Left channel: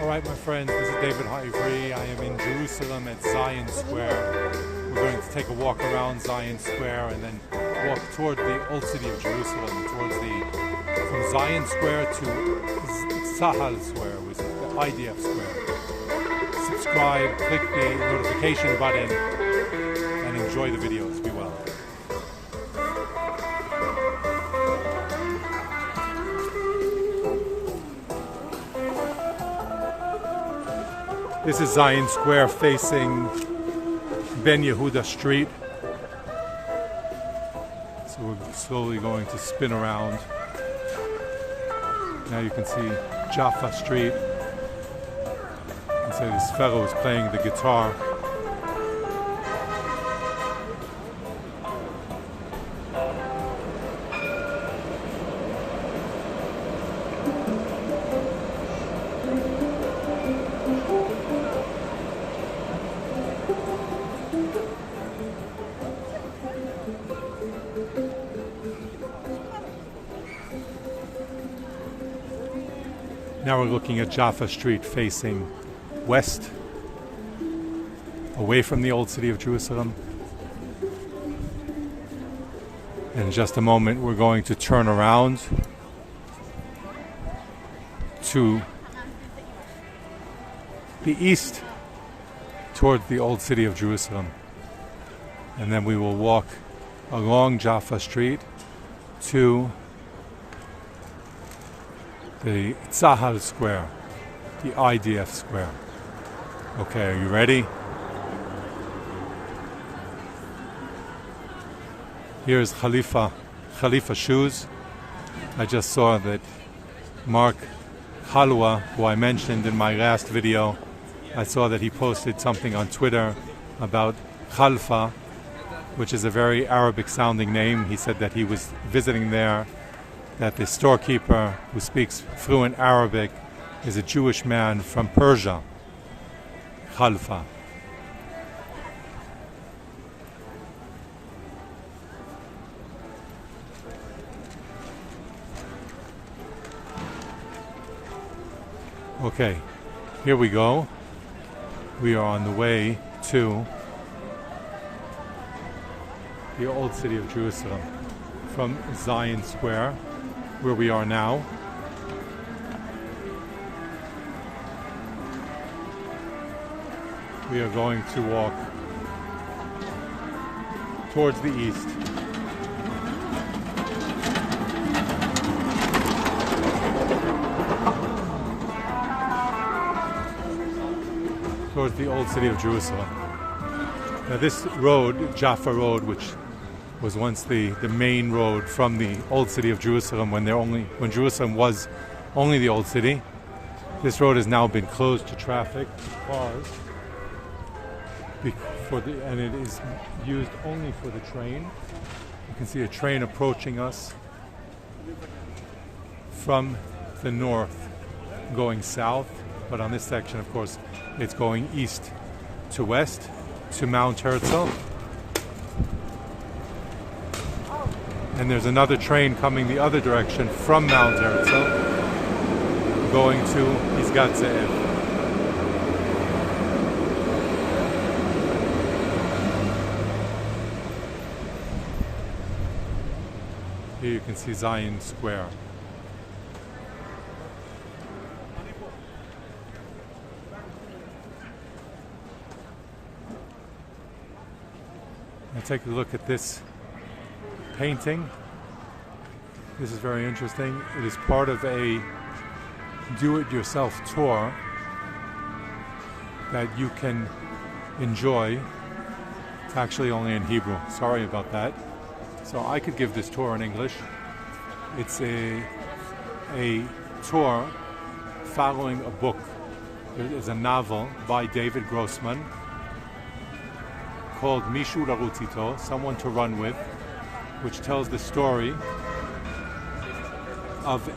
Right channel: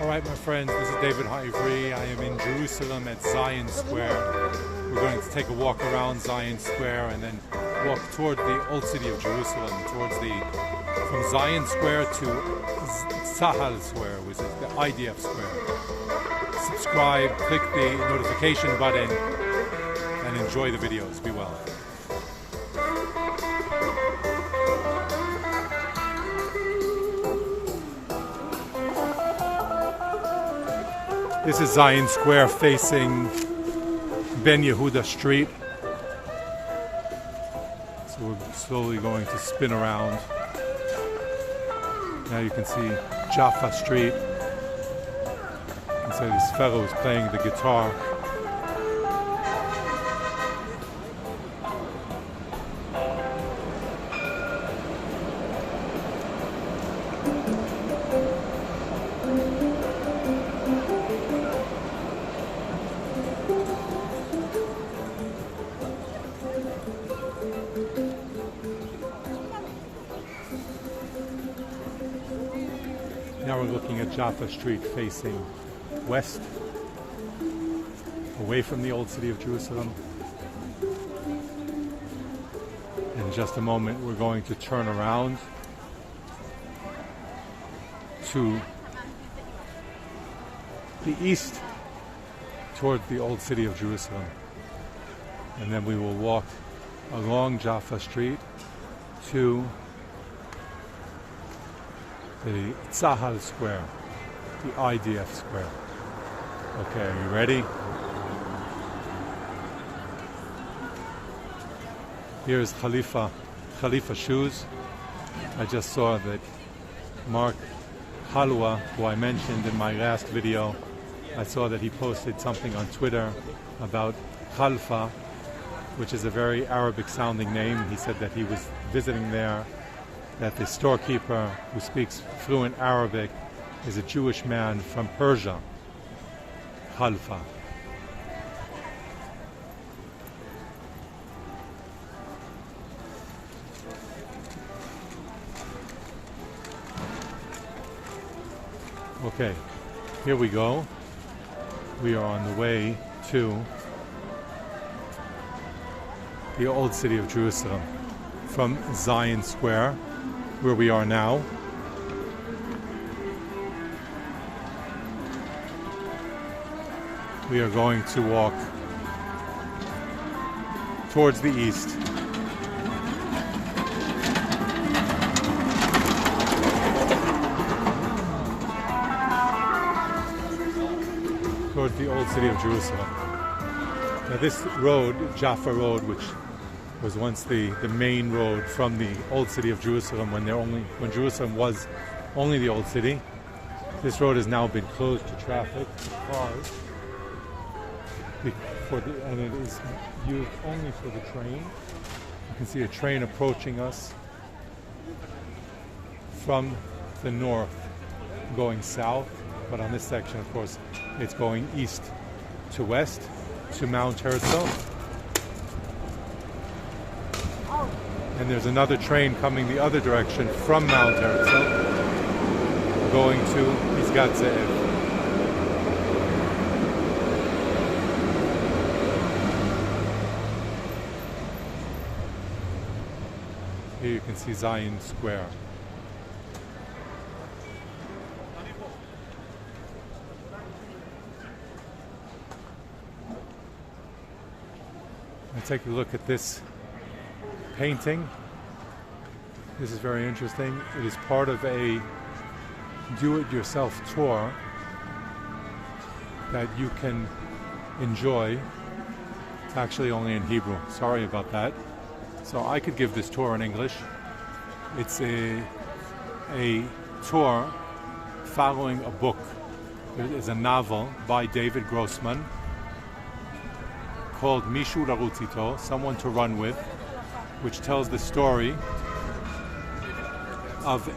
Alright my friends, this is David Ha'ivri. I am in Jerusalem at Zion Square. We're going to take a walk around Zion Square and then walk toward the old city of Jerusalem, from Zion Square to Tzahal Square, which is the IDF Square. Subscribe, click the notification button, and enjoy the videos. Be well. This is Zion Square facing Ben Yehuda Street. So we're slowly going to spin around. Now you can see Jaffa Street. You can see this fellow is playing the guitar. Now we're looking at Jaffa Street facing west, away from the old city of Jerusalem. In just a moment we're going to turn around to the east toward the old city of Jerusalem. And then we will walk along Jaffa Street to the Tzahal Square, the IDF Square. Okay, are you ready? Here's Khalifa shoes. I just saw that Mark Halwa, who I mentioned in my last video, I saw that he posted something on Twitter about Khalfa, which is a very Arabic sounding name. He said that he was visiting there, that the storekeeper who speaks fluent Arabic is a Jewish man from Persia, Khalfa. Okay, here we go. We are on the way to the old city of Jerusalem from Zion Square, where we are now. We are going to walk towards the east. Towards the old city of Jerusalem. Now this road, Jaffa Road, which was once the main road from the old city of Jerusalem when Jerusalem was only the old city. This road has now been closed to traffic, to cars, and it is used only for the train. You can see a train approaching us from the north going south, but on this section, of course, it's going east to west to Mount Herzl. And there's another train coming the other direction from Mount Herzl, going to Pisgat Ze'ev. Here you can see Zion Square. Now take a look at this painting. This is very interesting. It is part of a do-it-yourself tour that you can enjoy. It's actually only in Hebrew. Sorry about that. So I could give this tour in English. It's a tour following a book. There is a novel by David Grossman called Mishu Larutz Ito, Someone to Run With, which tells the story of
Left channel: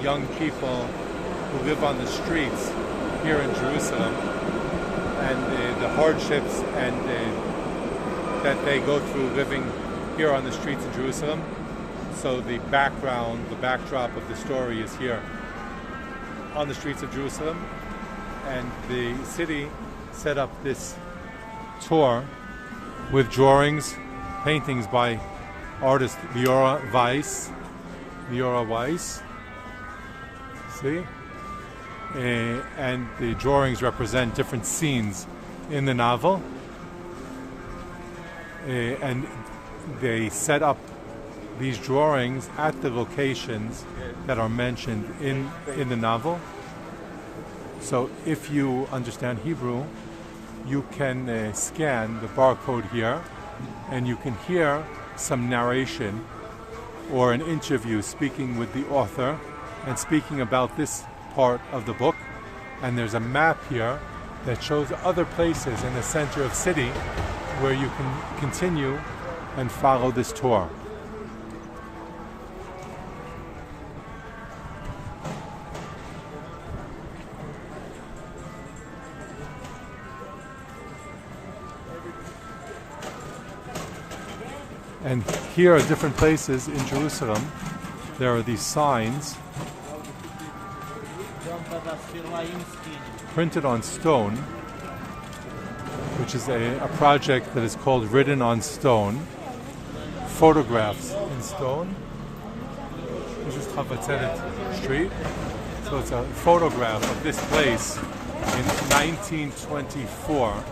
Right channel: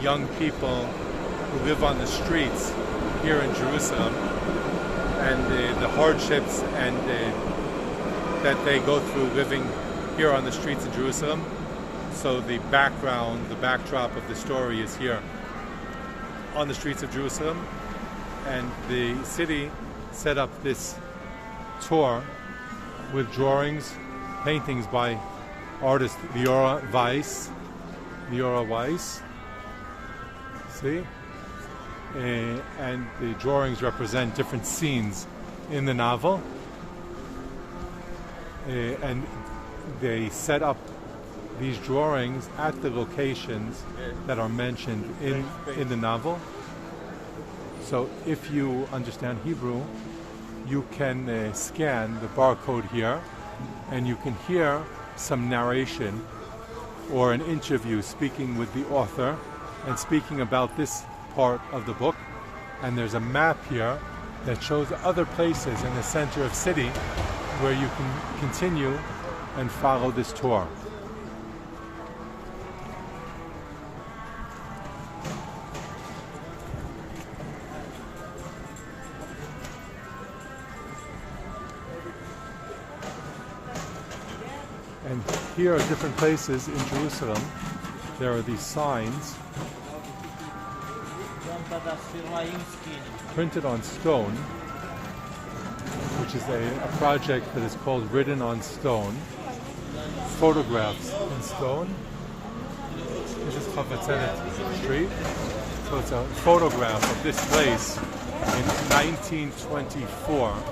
young people who live on the streets here in Jerusalem, and the hardships and that they go through living here on the streets in Jerusalem. So the background, the backdrop of the story is here on the streets of Jerusalem, and the city set up this tour with drawings, paintings by artist Leora Weiss. See? And the drawings represent different scenes in the novel. And they set up these drawings at the locations that are mentioned in the novel. So if you understand Hebrew, you can scan the barcode here, and you can hear some narration or an interview speaking with the author and speaking about this part of the book. And there's a map here that shows other places in the center of city where you can continue and follow this tour. And here are different places in Jerusalem. There are these signs printed on stone, which is a project that is called Written on Stone. Photographs in stone. This is Chavatzeret Street. So it's a photograph of this place in 1924.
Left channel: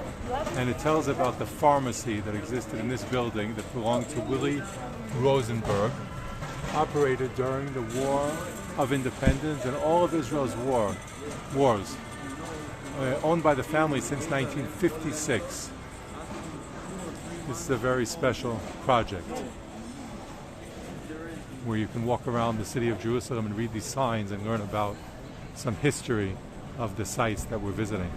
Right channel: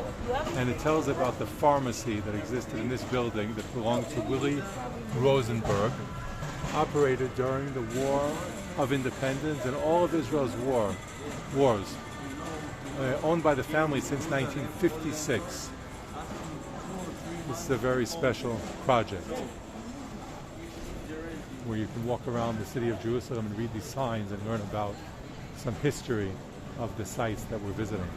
And it tells about the pharmacy that existed in this building that belonged to Willie Rosenberg, operated during the War of Independence and all of Israel's wars, owned by the family since 1956. This is a very special project where you can walk around the city of Jerusalem and read these signs and learn about some history of the sites that we're visiting.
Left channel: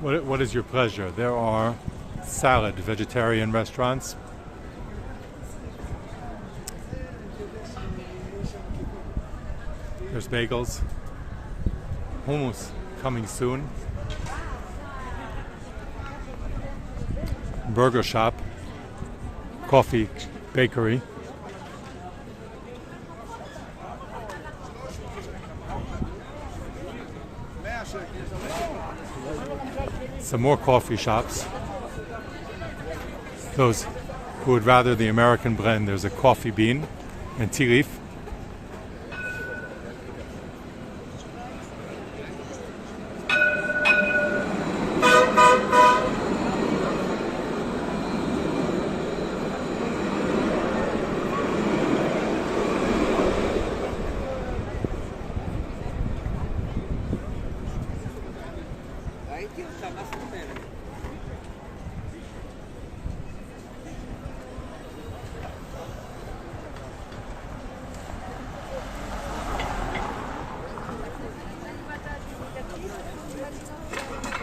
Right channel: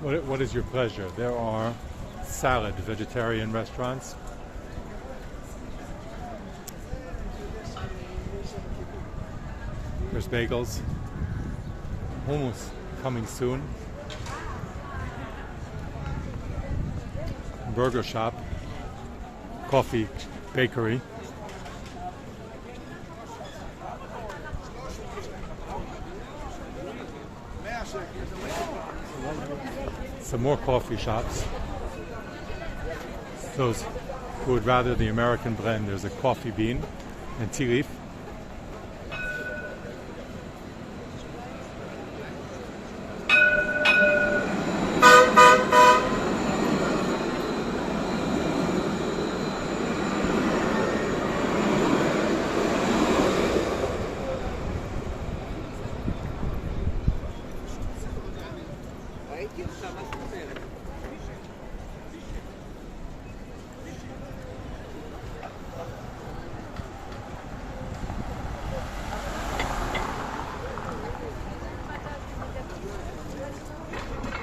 What is your pleasure? There are salad, vegetarian restaurants. There's bagels. Hummus coming soon. Burger shop. Coffee, bakery. Some more coffee shops. Those who would rather the American blend, there's a coffee bean and tea leaf.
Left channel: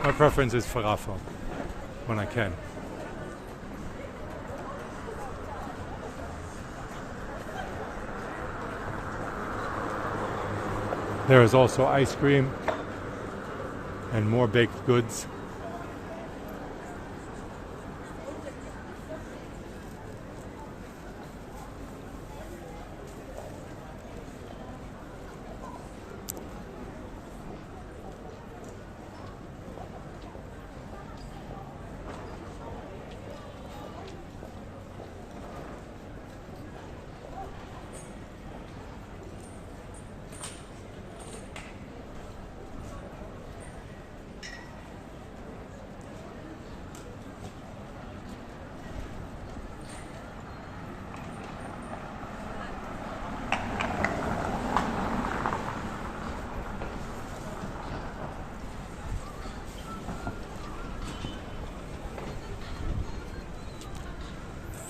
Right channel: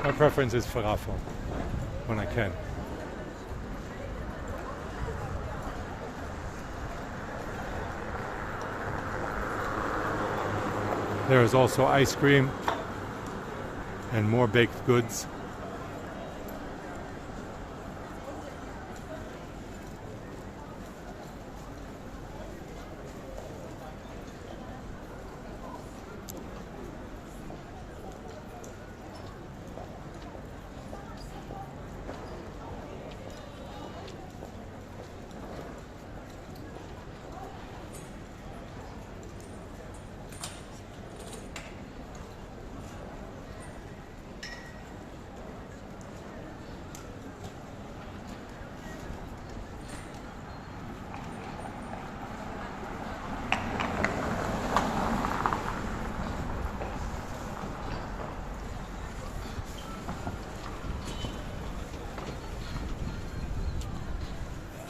My preference is falafel when I can. There is also ice cream and more baked goods.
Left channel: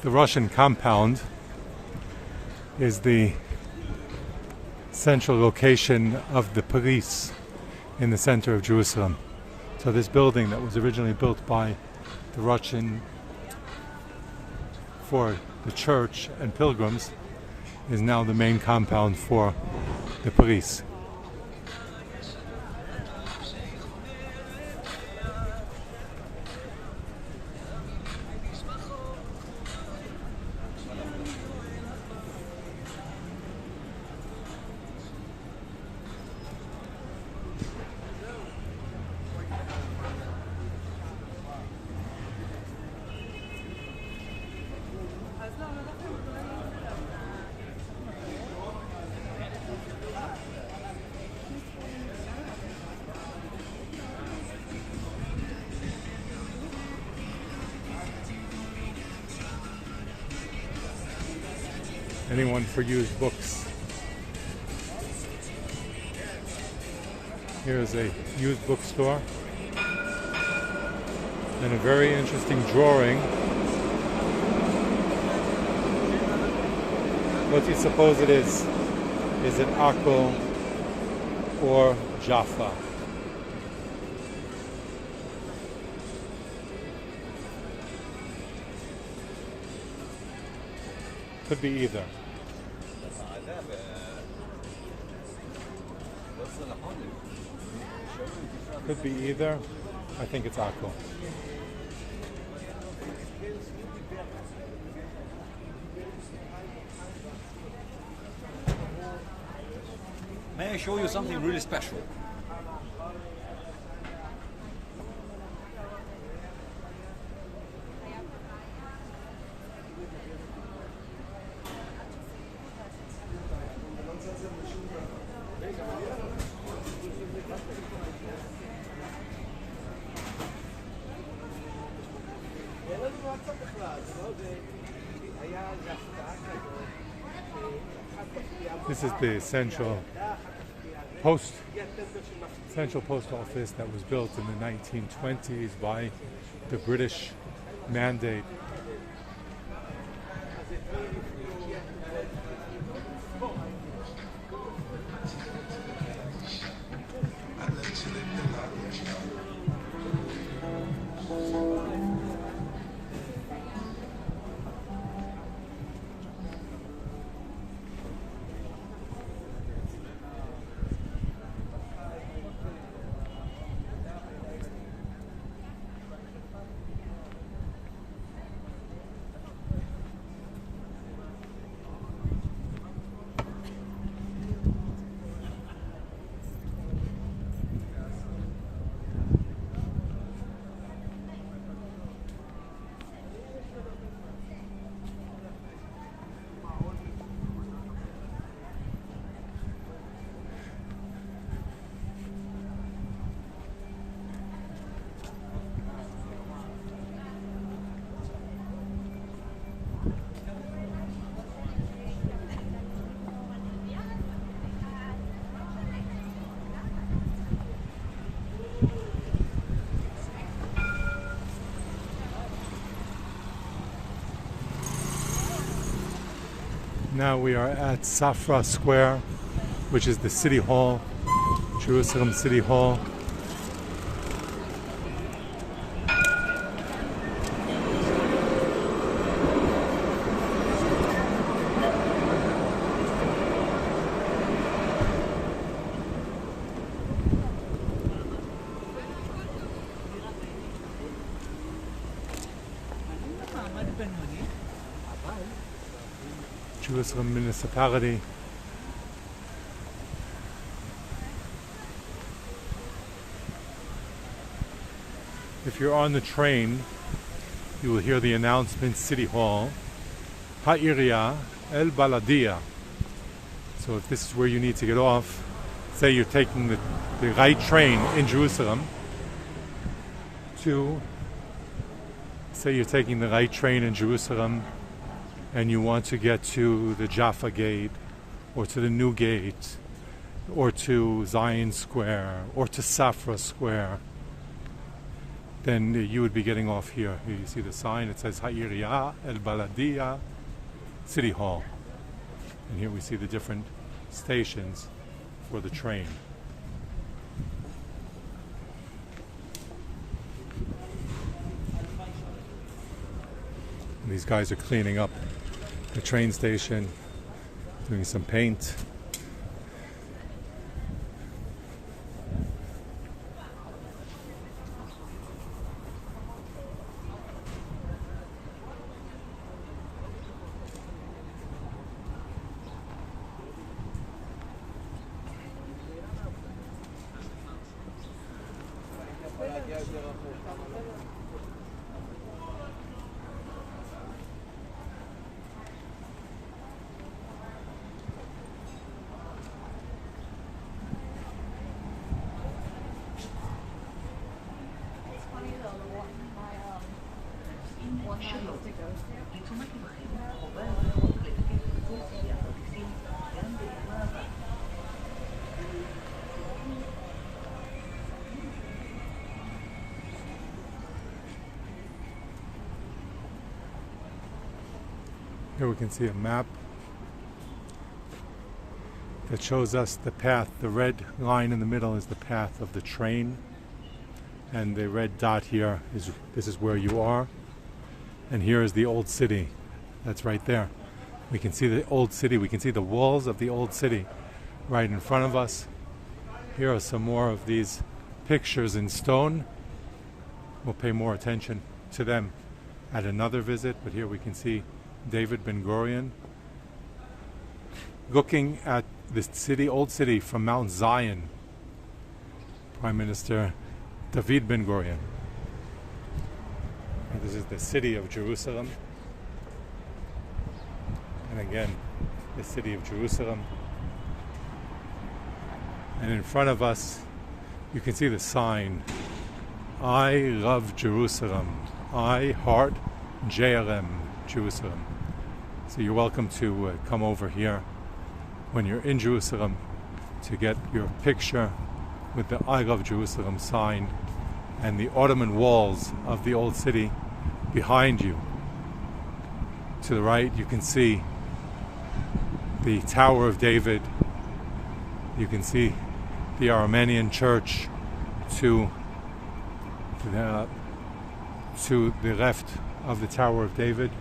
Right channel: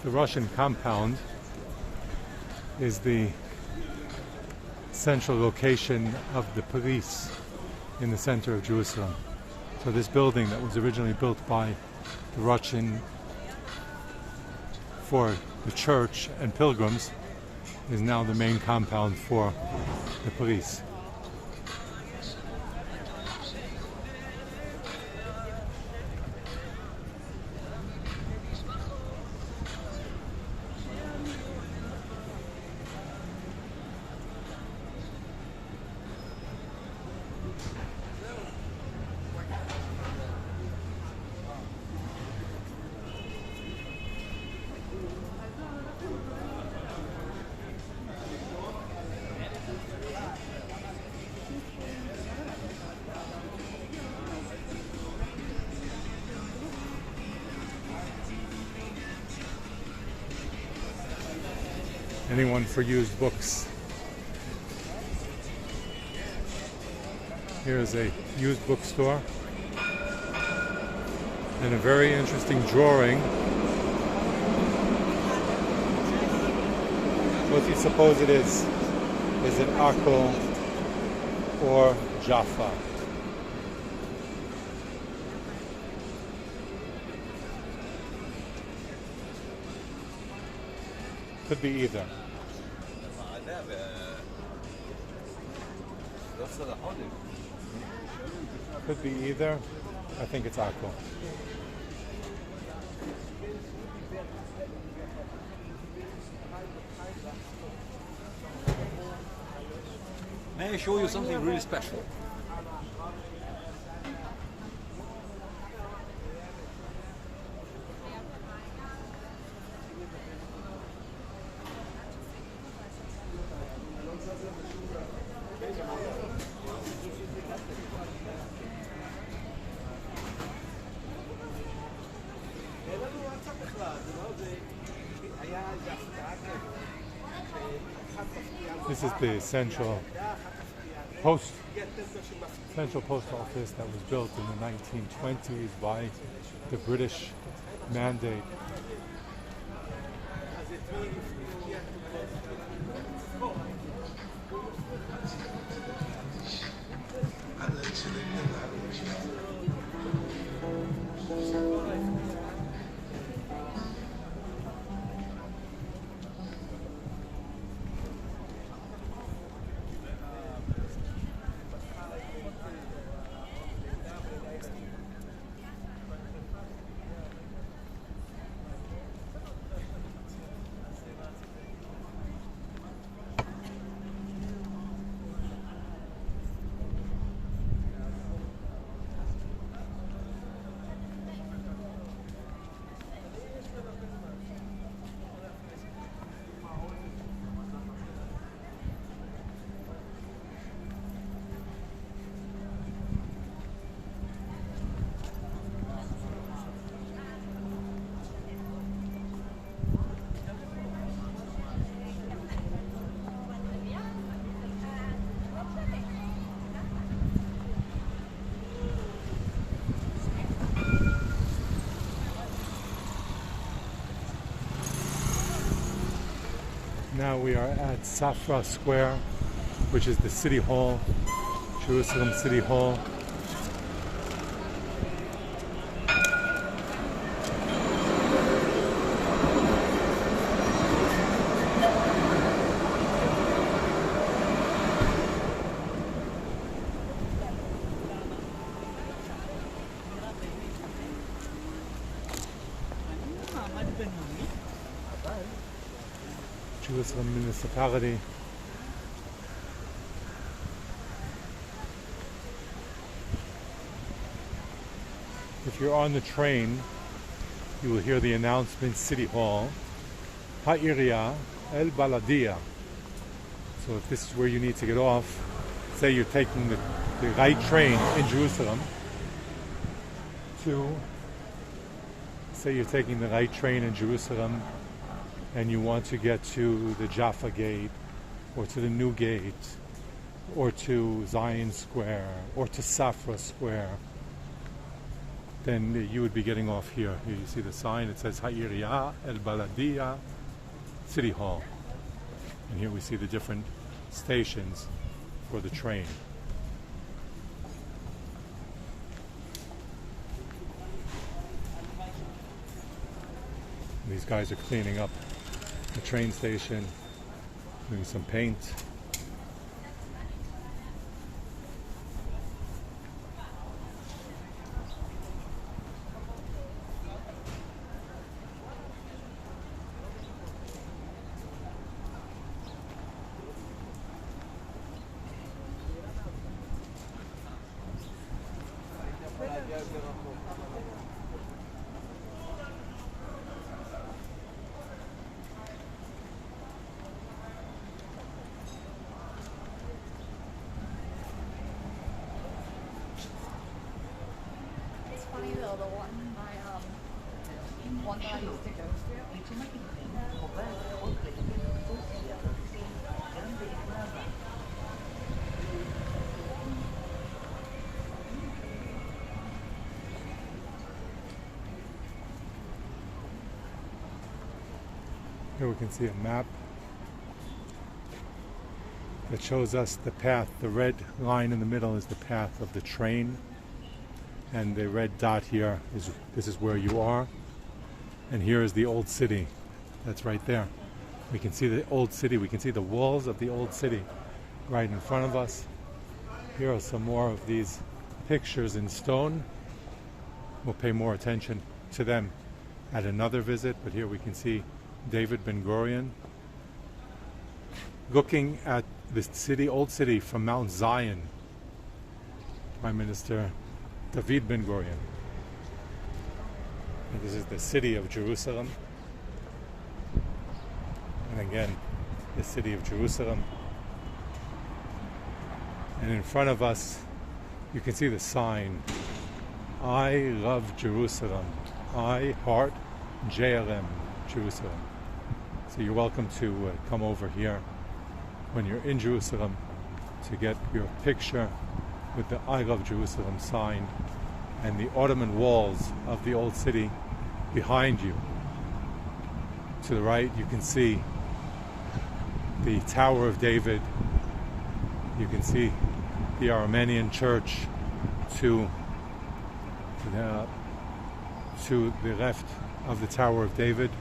the Russian compound is the central location of the police in the center of Jerusalem. So this building that was originally built by the Russian for the church and pilgrims is now the main compound for the police. Anyone for used books? Here's a used bookstore and a very interesting drawing. What do you suppose it is? Is it Akko or Jaffa? Could be either. Could be either. I think it's Akko. May I show you something really special? This is the central post office that was built in the 1920s by the British Mandate. Now we are at Safra Square, which is the City Hall, Jerusalem City Hall. Jerusalem municipality. If you're on the train, you will hear the announcement, City Hall, Ha'iriya El Baladia. So if this is where you need to get off, say you're taking the right train in Jerusalem and you want to get to the Jaffa Gate, or to the New Gate, or to Zion Square, or to Safra Square, then you would be getting off here. Here you see the sign, it says Ha'iriya El Baladia City Hall. And here we see the different stations for the train. And these guys are cleaning up the train station, doing some paint. Here we can see a map that shows us the path. The red line in the middle is the path of the train, and the red dot here is this is where you are, and here is the old city. That's right there. We can see the old city. We can see the walls of the old city right in front of us. Here are some more of these pictures in stone. We'll pay more attention to them at another visit, but here we can see David Ben-Gurion looking at this city, old city from Mount Zion. Prime Minister David Ben-Gurion. And this is the city of Jerusalem. And again, the city of Jerusalem. And in front of us, you can see the sign, I love Jerusalem. I heart JLM, Jerusalem. So you're welcome to come over here when you're in Jerusalem to get your picture with the I Love Jerusalem sign and the Ottoman walls of the old city behind you. To the right you can see the Tower of David. You can see the Armenian church to the left of the Tower of David.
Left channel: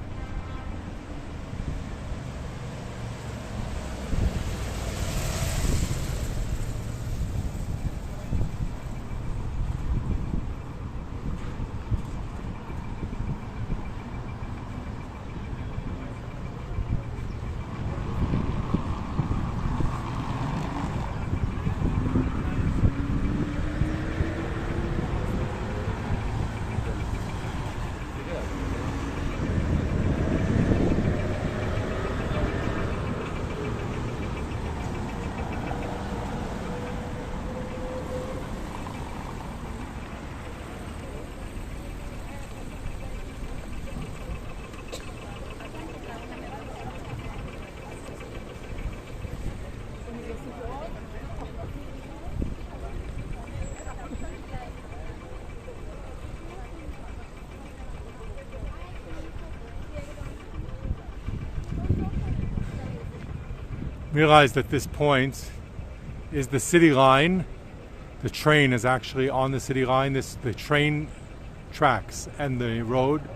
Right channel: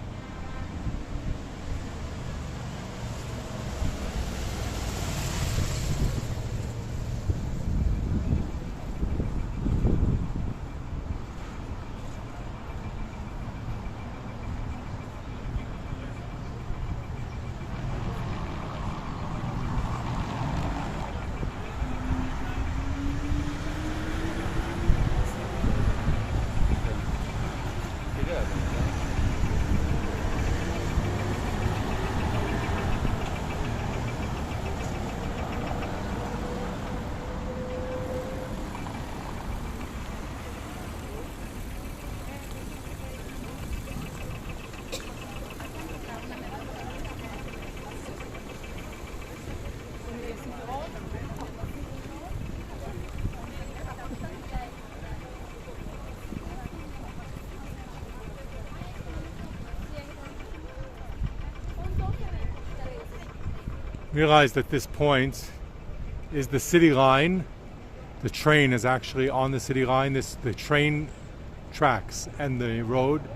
Realize that this point is the city line. The train is actually on the city line. The train tracks and the road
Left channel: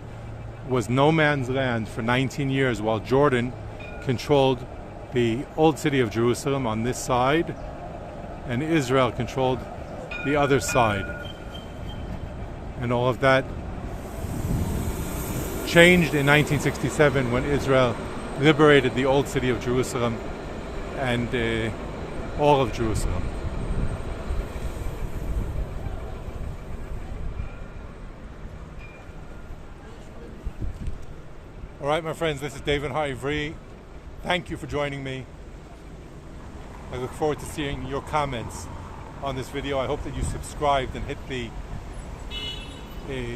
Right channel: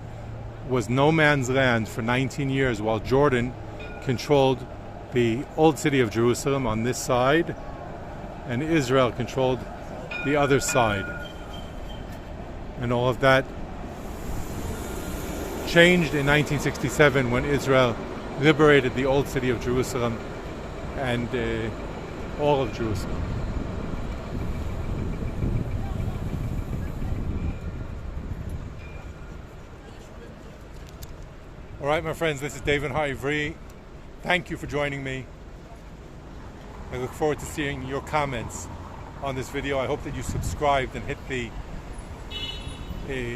was no man's land for 19 years while Jordan controlled the old city of Jerusalem on this side and Israel controlled the other side. And all of that changed in 1967 when Israel liberated the old city of Jerusalem and all of Jerusalem. All right, my friends, this is David Ha'ivri. Thank you for joining me. I look forward to seeing your comments on this video. I hope that you subscribed and hit the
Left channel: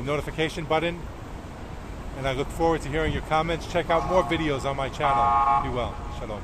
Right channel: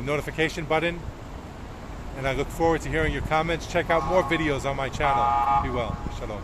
notification button. And I look forward to hearing your comments. Check out more videos on my channel. Be well. Shalom.